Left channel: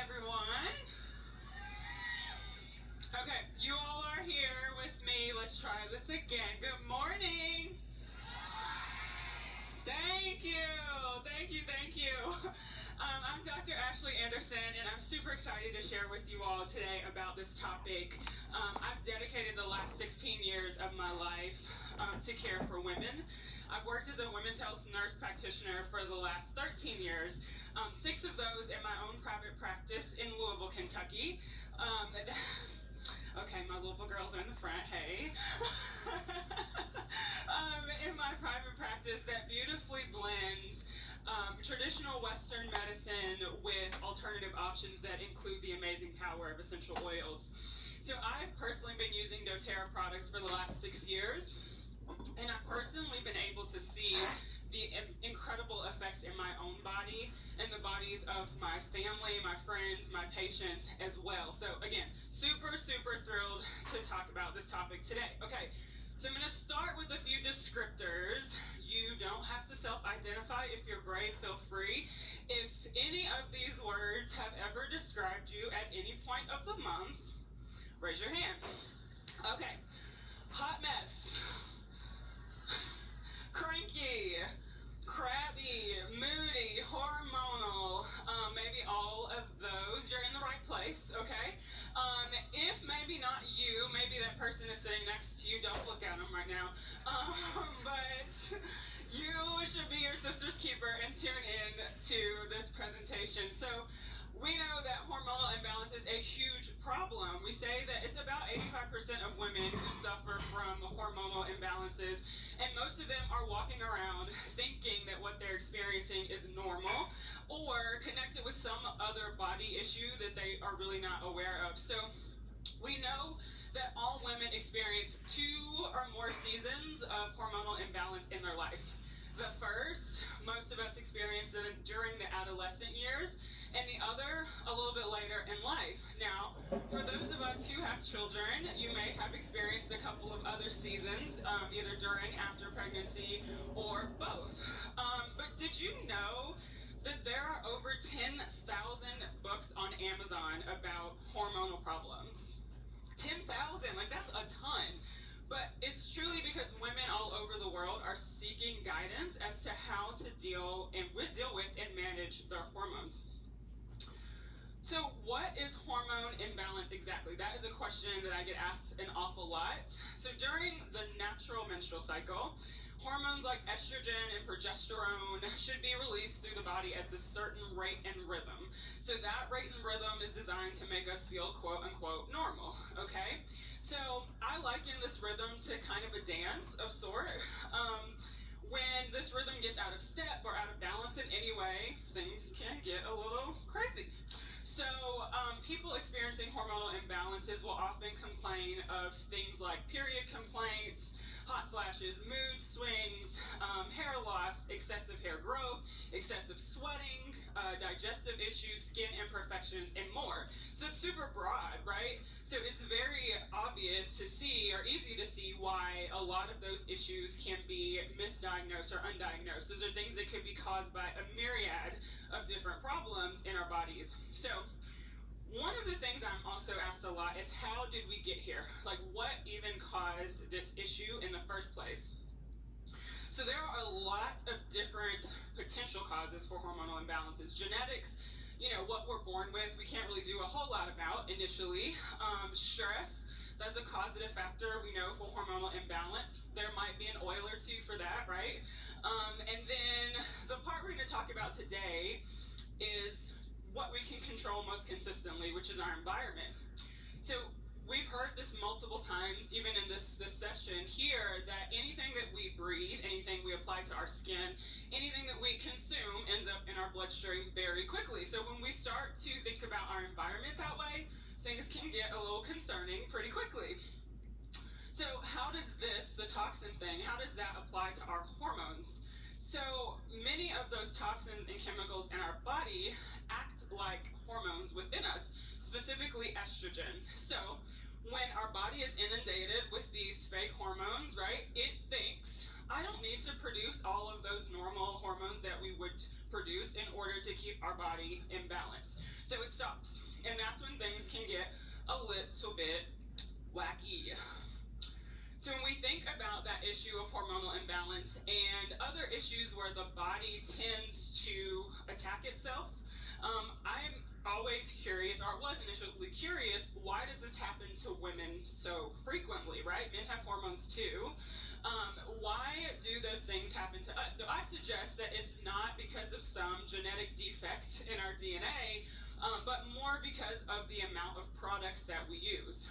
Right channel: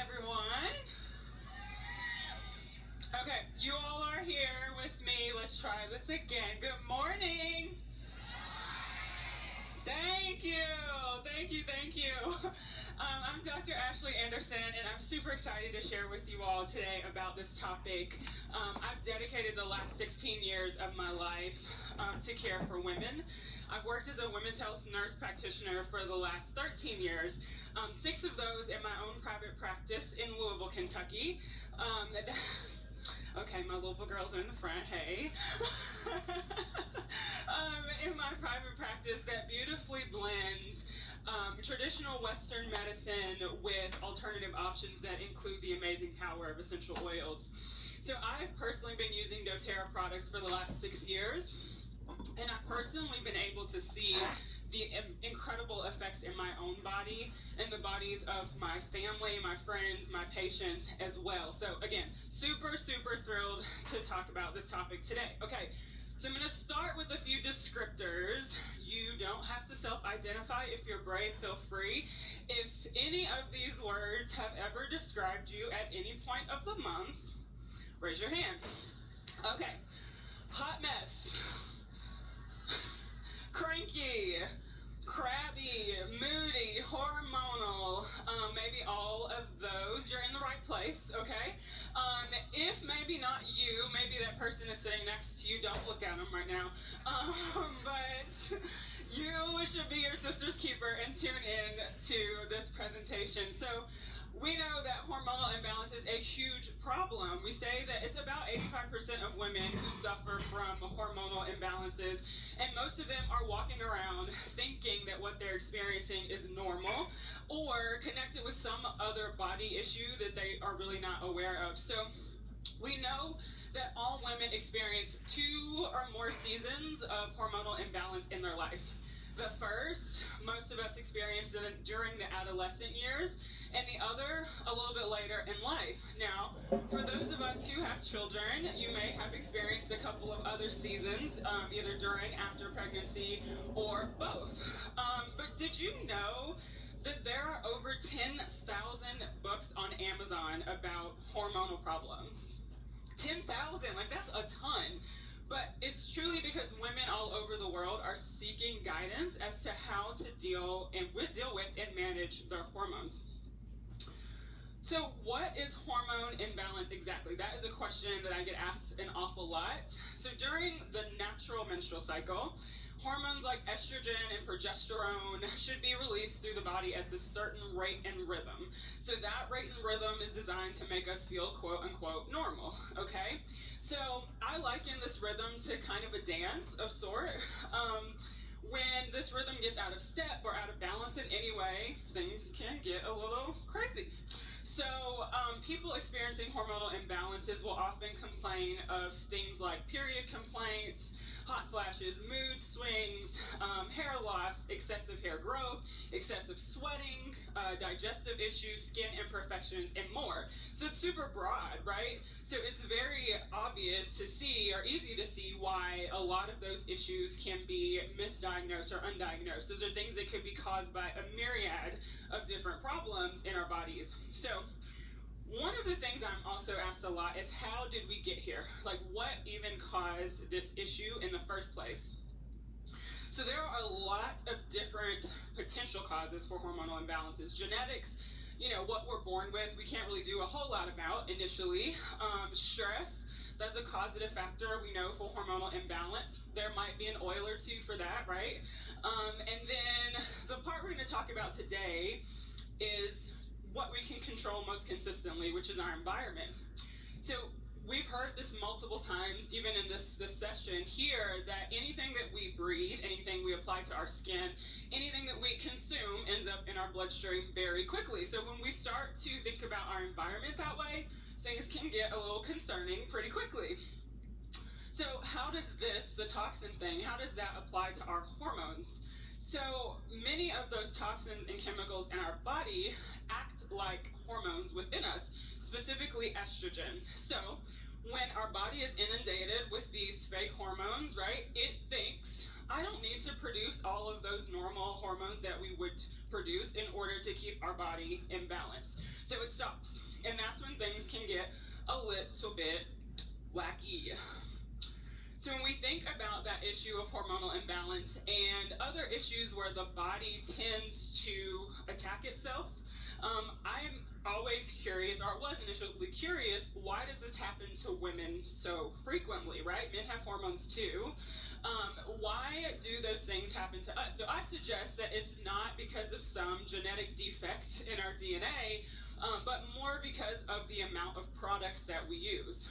everyone. Okay, you all are here with me. Let's try this again. Good morning. Thank you. I'm Dr. Ashley Anderson, and I'm super excited to share with you all today about this topic. I've dedicated the last 16 years of my life to care for women. I've worked as a women's health nurse practitioner for the last 13 years, 6 of those in my own private practice in Louisville, Kentucky. Okay, my Louisville girls are in the front, hey. In my private practice that beautifully blends traditional Western medicine with alternative options that include the amazing power of essential oils. So I've personally been using dōTERRA products for the last 6 years, and I've personally been able to see the incredible effects in my own body and the bodies of my family, my friends, my patients as well. So again, super thrilled to talk about this topic today. Okay, so I'm going to start with a few descriptors. You don't have to self-identify. If you're brave, feel free. If any of these words have ever described you at any point of the month, raise your hand. Okay, hot mess, cranky, crabby, moody, hormonal, maybe all of those, you're in the right place, okay? If maybe not you, maybe that person is sitting next to you, don't look at them right now, but you should be your sister's keeper and tune in to this presentation. So we know that hormonal imbalance is a huge problem. We say that it's about 85% of women who suffer from hormonal imbalances, and most of them are walking around thinking that what they're experiencing is normal or connected with some other body issue that they are really not aware of. So we know that all women experience 2 or more seasons of hormonal imbalance in their life. The first, most of us experience it during the adolescent years, and the other a little bit later in life. Now, for those of us who have children, you may have experienced a couple of other seasons, either during, after pregnancy, or both. But did you know that there are over 10,000 books on Amazon about hormonal problems? 10,000, like that's a ton. But it's truly because women all over the world are seeking guidance as to how to deal with and manage their hormones. So what is hormone imbalance exactly? That is a question that I get asked an awful lot. So during the natural menstrual cycle, hormones like estrogen and progesterone should be released through the body at this certain rate and rhythm. So that rate and rhythm is designed to make us feel quote unquote normal, okay? So I liken this rhythm to kind of a dance of sort. When this rhythm gets out of step or out of balance in any way, things can get a little crazy. So people experiencing hormonal imbalances will often complain of things like period complaints, hot flashes, mood swings, hair loss, excessive hair growth, excessive sweating, digestive issues, skin imperfections, and more. So it's super broad, right? So it's very obvious to see, or easy to see, why a lot of those issues can be misdiagnosed or undiagnosed. Those are things that could be caused by a myriad of different problems in our bodies. So one of the things I'm also asked a lot is, how did we get here? Like, what even caused this issue in the first place? So there are a lot of different potential causes for hormonal imbalances. Genetics, what we're born with, we can't really do a whole lot about initially. Stress, that's a causative factor, we know, for hormonal imbalance. There might be an oil or two for that, right? And then the part we're going to talk about today is what we can control most consistently, which is our environment. So we've heard this multiple times, even in this session here, that anything that we breathe, anything we apply to our skin, anything that we consume ends up in our bloodstream very quickly. So when we start to think about our environment that way, things can get a little concerning pretty quickly. So how does this, the toxin thing, how does that apply to our hormones? So many of those toxins and chemicals in our body act like hormones within us, specifically estrogen. So when our body is inundated with these fake hormones, right, it thinks, I don't need to produce all of those normal hormones that we would produce in order to keep our body in balance. So it stops. And that's when things can get a little bit wacky. So when we think about that issue of hormonal imbalance and other issues where the body tends to attack itself, I'm always curious, or was initially curious, why does this happen to women so frequently, right? Men have hormones too. Why do those things happen to us? So I suggest that it's not because of some genetic defect in our DNA, but more because of the amount of products that we use.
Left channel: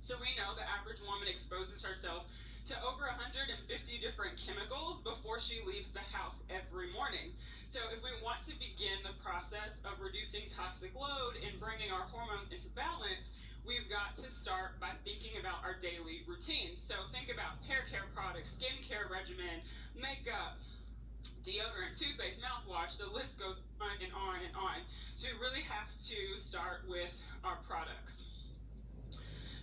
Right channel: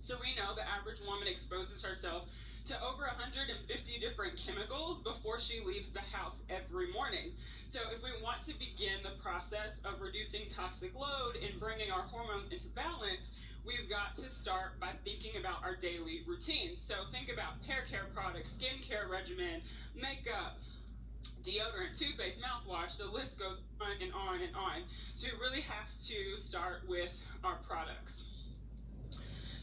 So we know the average woman exposes herself to over 150 different chemicals before she leaves the house every morning. So if we want to begin the process of reducing toxic load and bringing our hormones into balance, we've got to start by thinking about our daily routines. So think about hair care products, skin care regimen, makeup, deodorant, toothpaste, mouthwash, the list goes on and on and on. So we really have to start with our products.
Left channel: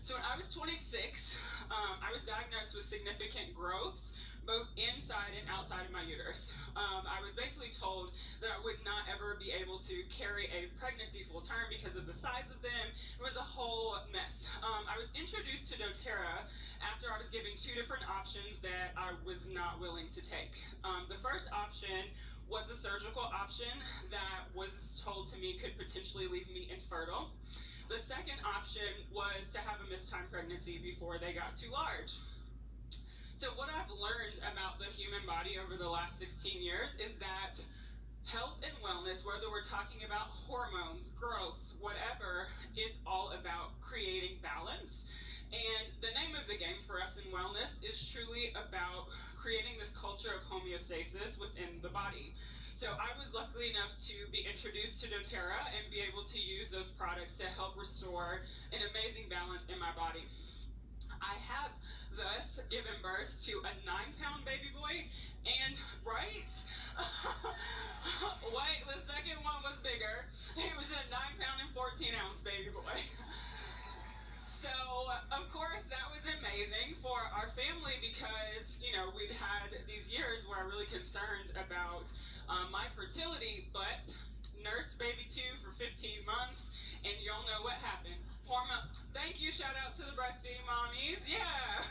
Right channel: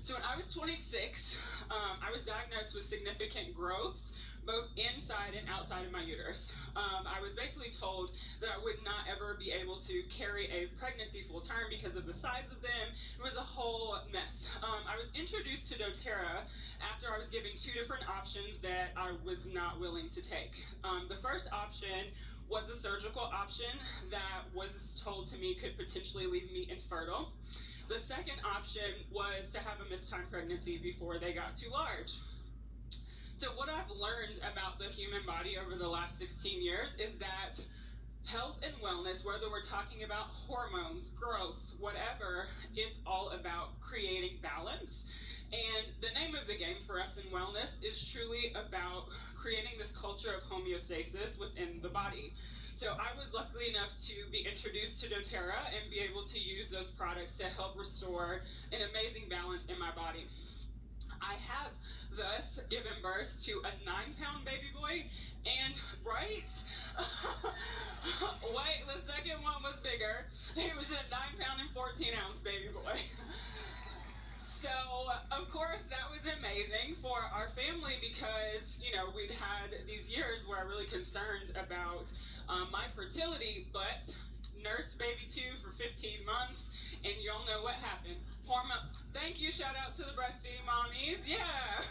So when I was 26, I was diagnosed with significant growths, both inside and outside of my uterus. I was basically told that I would not ever be able to carry a pregnancy full term because of the size of them. It was a whole mess. I was introduced to dōTERRA after I was given two different options that I was not willing to take. The first option was a surgical option that was told to me could potentially leave me infertile. The second option was to have a mistimed pregnancy before they got too large. So what I've learned about the human body over the last 16 years is that health and wellness, whether we're talking about hormones, growths, whatever, it's all about creating balance. And the name of the game for us in wellness is truly about creating this culture of homeostasis within the body. So I was lucky enough to be introduced to dōTERRA and be able to use those products to help restore an amazing balance in my body. I have thus given birth to a 9-pound baby boy, and right? Wait, the second one was bigger. It was a 9-pound and 14-ounce baby boy. So, of course, that was amazing for our family because, we'd had these years where I'm really concerned about my fertility, but nursed baby 2 for 15 months, and y'all know what happened. Hormone, thank you, shout out to the breastfeeding mommies, yeah.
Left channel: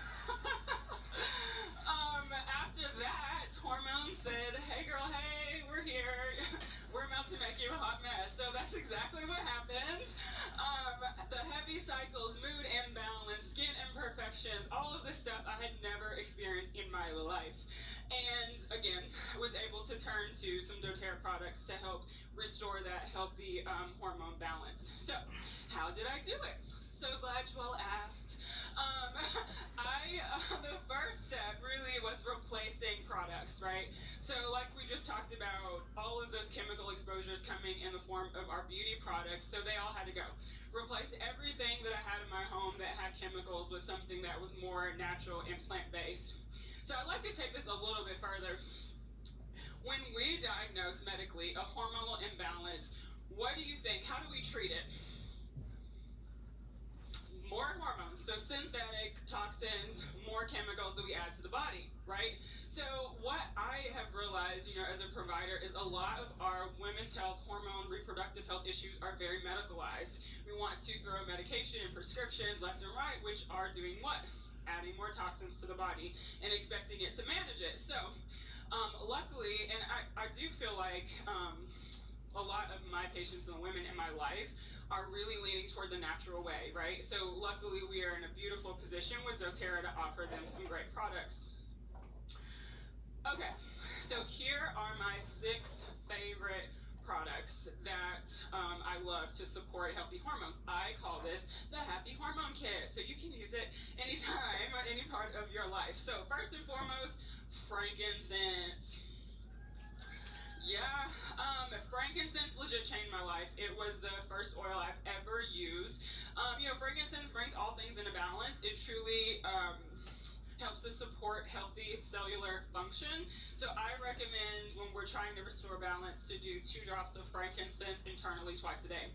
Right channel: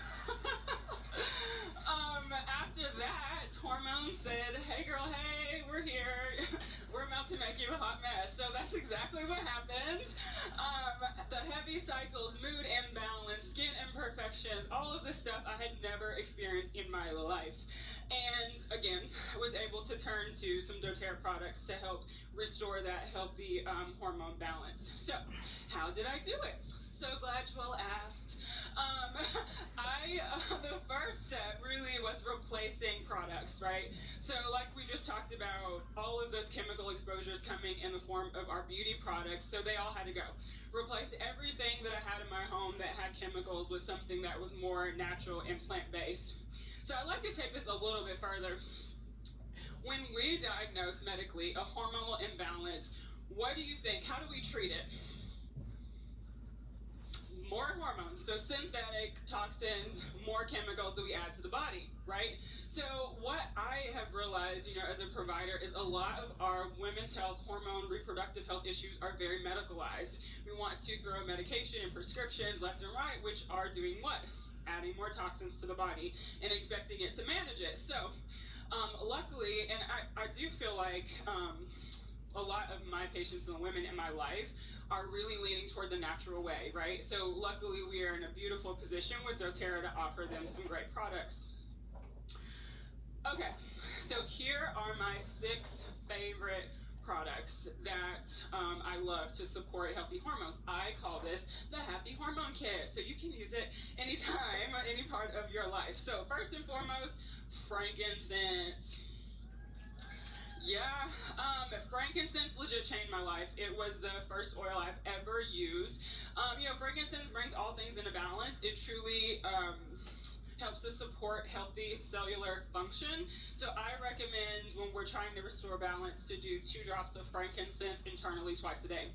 After that, hormones said, hey girl, hey, we're here. We're about to make you a hot mess. So that's exactly what happened. The heavy cycles, mood imbalance, skin imperfections, all of this stuff I had never experienced in my life. And again, was able to turn to some dōTERRA products to help restore that healthy hormone balance. So, how did I do it? So glad you all asked. The first step really was replacing products, right? So like we just talked about, all of those chemical exposures coming in the form of our beauty products, so they all had to go. Replace everything that I had in my home that had chemicals with something that was more natural and plant-based. So I'd like to take this a little bit further. When we diagnose medically a hormonal imbalance, what do you think? How do we treat it? More hormones, so synthetic toxins, more chemicals that we add to the body, right? So what I have realized, as a provider is a lot of our women's health, hormone, reproductive health issues are very medicalized. We want to throw medication and prescriptions left and right, which are doing what? Adding more toxins to the body and expecting it to manage it. So luckily, and I do feel like a lot of my patients and women in my life are really leaning toward the natural way, right? So luckily we are in a beautiful position with dōTERRA to offer them some great products. Okay, so here are my 6 favorite products that I love to support healthy hormones. I call this the Happy Hormone Kit, so you can use it anytime on any part of your life. So first and foremost, frankincense. Yeah, frankincense legit changed my life. It was the first oil I've ever used. Frankincense brings all things into balance. It truly helps to support healthy cellular function. So I recommend when we're trying to restore balance to do 2 drops of frankincense internally twice a day.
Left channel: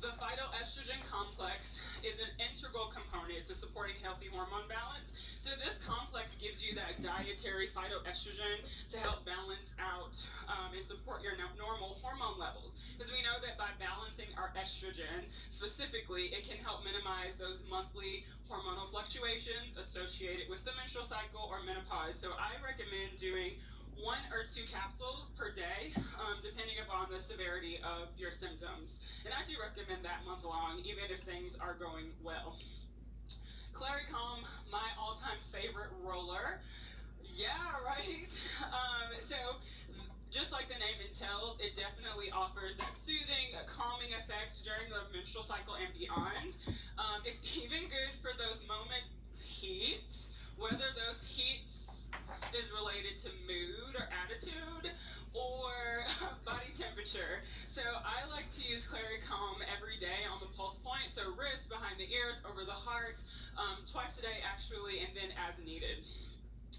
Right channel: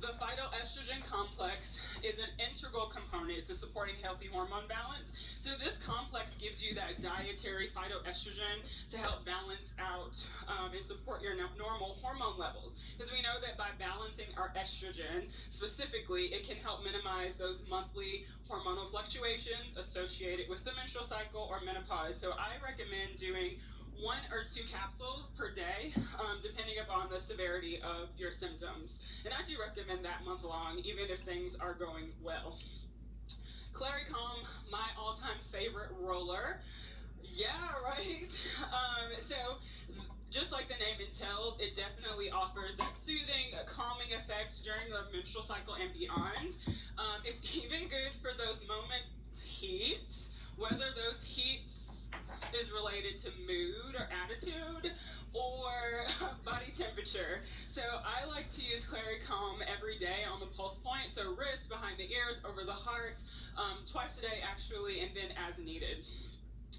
The phytoestrogen complex is an integral component to supporting healthy hormone balance. So this complex gives you that dietary phytoestrogen to help balance out and support your normal hormone levels. Because we know that by balancing balancing our estrogen. Specifically, it can help minimize those monthly hormonal fluctuations associated with the menstrual cycle or menopause. So I recommend doing 1 or 2 capsules per day, depending upon the severity of your symptoms. And I do recommend that month long, even if things are going well. Claricalm, my all-time favorite roller. Yeah, right? So just like the name entails, it definitely offers that soothing, calming effect during the menstrual cycle and beyond. It's even good for those moments of heat, whether those heats is related to mood or attitude or body temperature. So I like to use Claricalm every day on the pulse point, so wrist, behind the ears, over the heart, twice a day actually, and then as needed.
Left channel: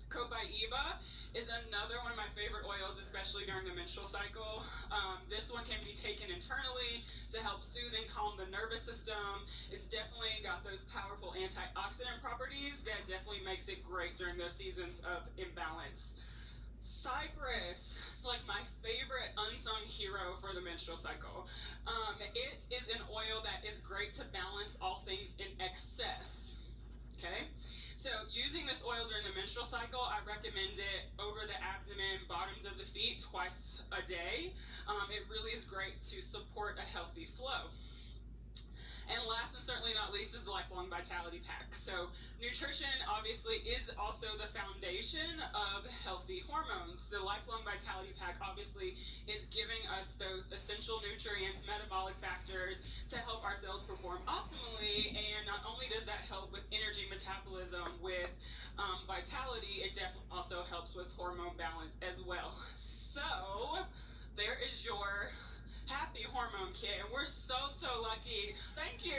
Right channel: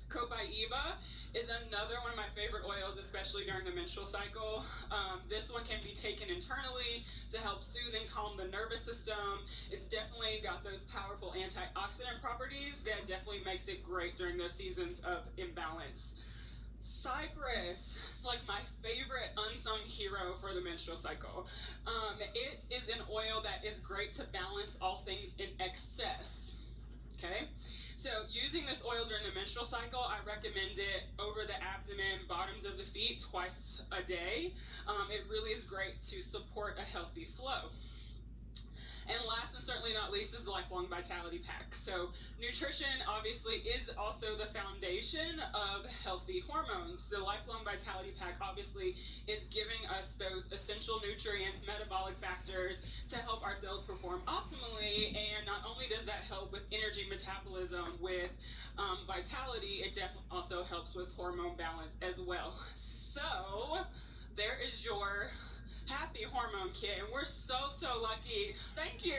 Copaiba is another one of my favorite oils, especially during the menstrual cycle. This one can be taken internally to help soothe and calm the nervous system. It's definitely got those powerful antioxidant properties that definitely makes it great during those seasons of imbalance. Cypress, it's like my favorite unsung hero for the menstrual cycle. It is an oil that is great to balance all things in excess. Okay, so using this oil during the menstrual cycle, I recommend it over the abdomen, bottoms of the feet, twice a day. It really is great to support a healthy flow. And last and certainly not least is the Lifelong Vitality Pack. So nutrition obviously is also the foundation of healthy hormones. The Lifelong Vitality Pack obviously is giving us those essential nutrients, metabolic factors to help our cells perform optimally. And not only does that help with energy metabolism, with vitality, it definitely also helps with hormone balance as well. So there is your happy hormone kit, and we're so lucky. Thank you.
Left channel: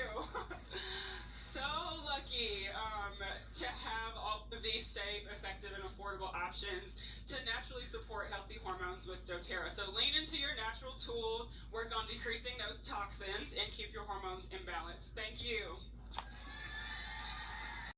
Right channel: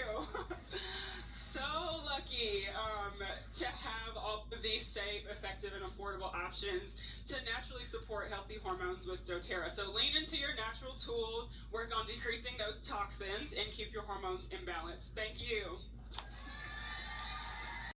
So lucky to have all of these safe, effective, and affordable options to naturally support healthy hormones with dōTERRA. So lean into your natural tools, work on decreasing those toxins, and keep your hormones in balance. Thank you.